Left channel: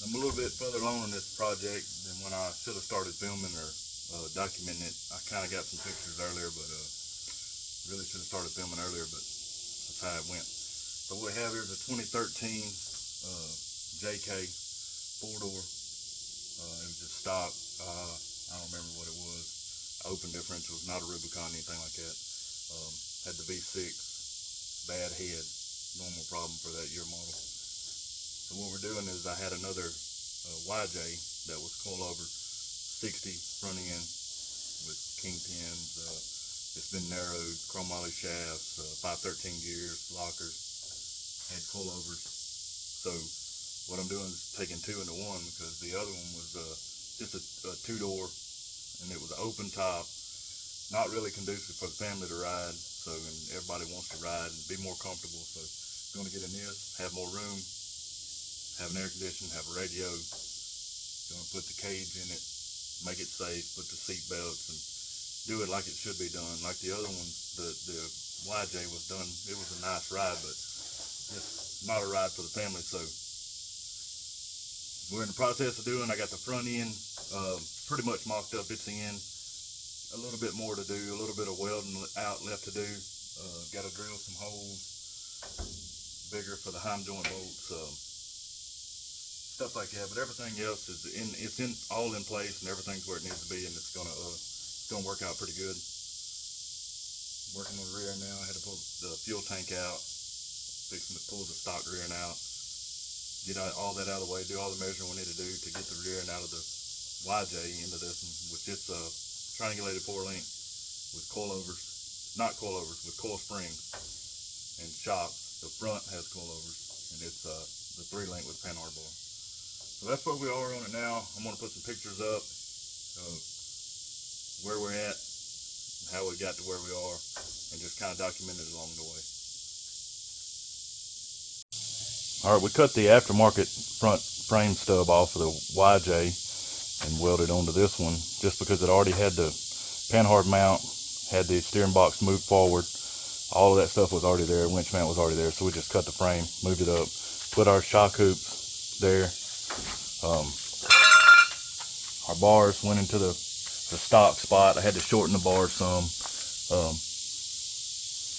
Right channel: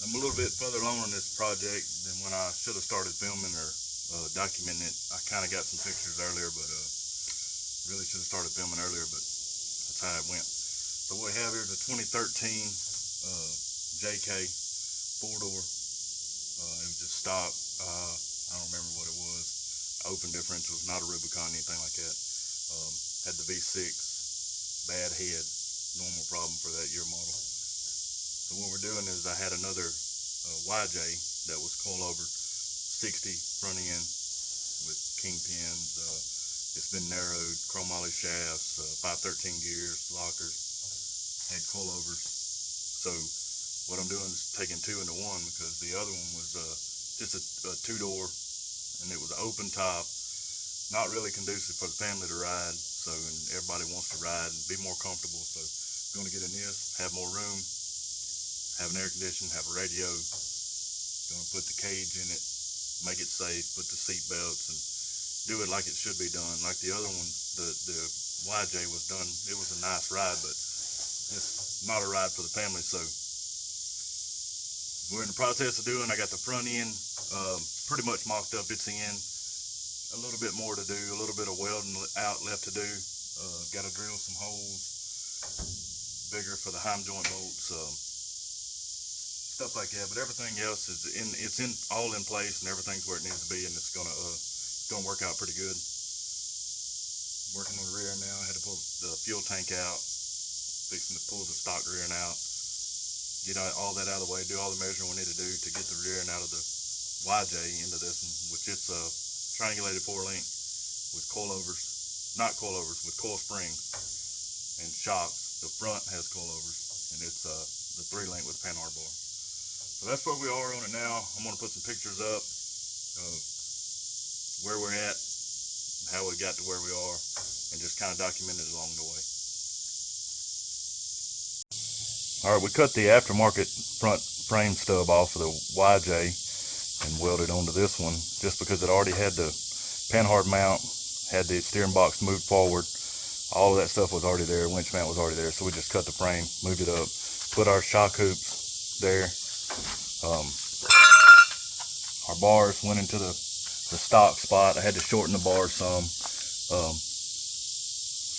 I'm a little bit further along in this project than when I should have started filming or documenting it. I kind of got some pictures earlier, but really should have started filming earlier, but that's how it went. So what we have here is a 2013 JK 4-door. It was just stock. I don't remember what it was. Open differentials, not a Rubicon, anything like that. Had the V6, bad head, normal problem for that year model. So what we're doing is I had another YJ that was coilover 60 front end with kingpins. It's been narrowed, chromoly shafts, 513 gears, lockers, had coilovers. So what I'm doing is taking two into one, because the other one was just a 2-door, and it was an open top, not really conducive for the family to ride. So, and everybody wants to ride and be more comfortable. So going to get in this, have more room, have an air conditioner, have a radio, going to put the cage in it, make it safe, put the seat belts, and do it like it should be done. Like the other one, the YJ was done, it was a nice ride, but it's not a ride for the family. So we're in the process of doing, I got the front end pretty much mocked up. It's in, a little bit more to do, a little bit of welding out left to do. Got to drill some holes bigger for the heim joint bolts, stuff like that. But everything else is all in place, and everything's where it needs to be, and it's gonna work out pretty good. Working on the rear now. I had to pull the fuel tank out, fixing to pull the stock rear end out, get all that out of the way, do all the measuring we need to do to get the rear end out of the YJ into this one, which it's a triangulated 4-link with coilovers, not coilovers, with coil springs and shocks. The front has coilovers, and it's the 3-link with Panhard bar. So that's where we are on it now. I'm going to put some pictures up of where we're at, how we got to where we are, and just kind of document it along the way. All right, we cut the aftermarket front frame stub off of the YJ and welded onto this one, just because it already had the Panhard mount, had the steering box moved forward. All of that stuff was already there, winch mount was already there, so we just cut the frame, moved it up, put our shock hoops there. Our bars went into the stock spot. I had to shorten the bars some,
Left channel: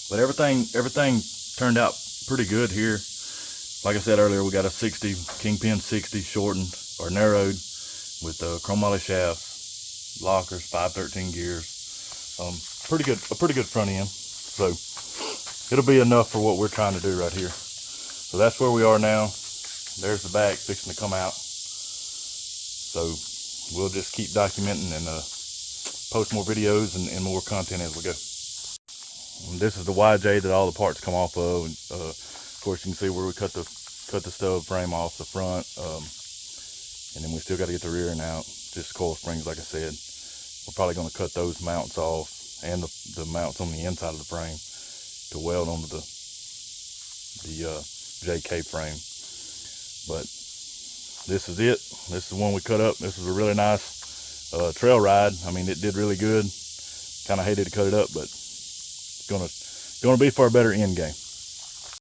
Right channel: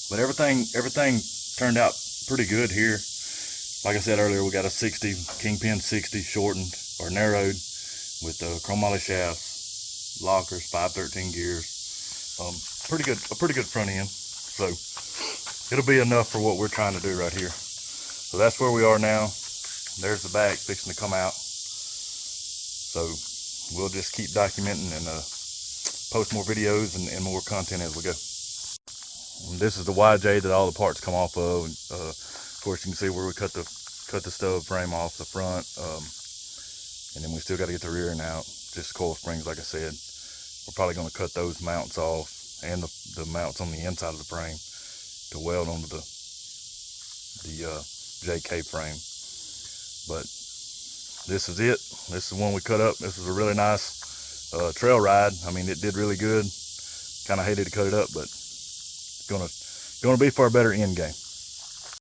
but everything turned out pretty good here. Like I said earlier, we got a 60 kingpin 60 shortened or narrowed with chromoly shafts, lockers, 513 gears. A pretty good front end. So it'll be enough for what we're trying to do right here. So that's where we are now. There's the back fixing to come out. So we'll just keep documenting and post more videos and more content as we go. And this is the YJ that all the parts come off of. And, of course, you can see where we cut the stub frame off the front. And then we still got to get the rear end out. Just coil springs, like I said. We're probably going to cut those mounts off and the mounts on the inside of the frame to weld onto the JK frame. But this is it. This is the one we cut up. This was a really nice trail ride. I mean, it did really good. Kind of hated to cut it up, but it's gonna be for a better end game.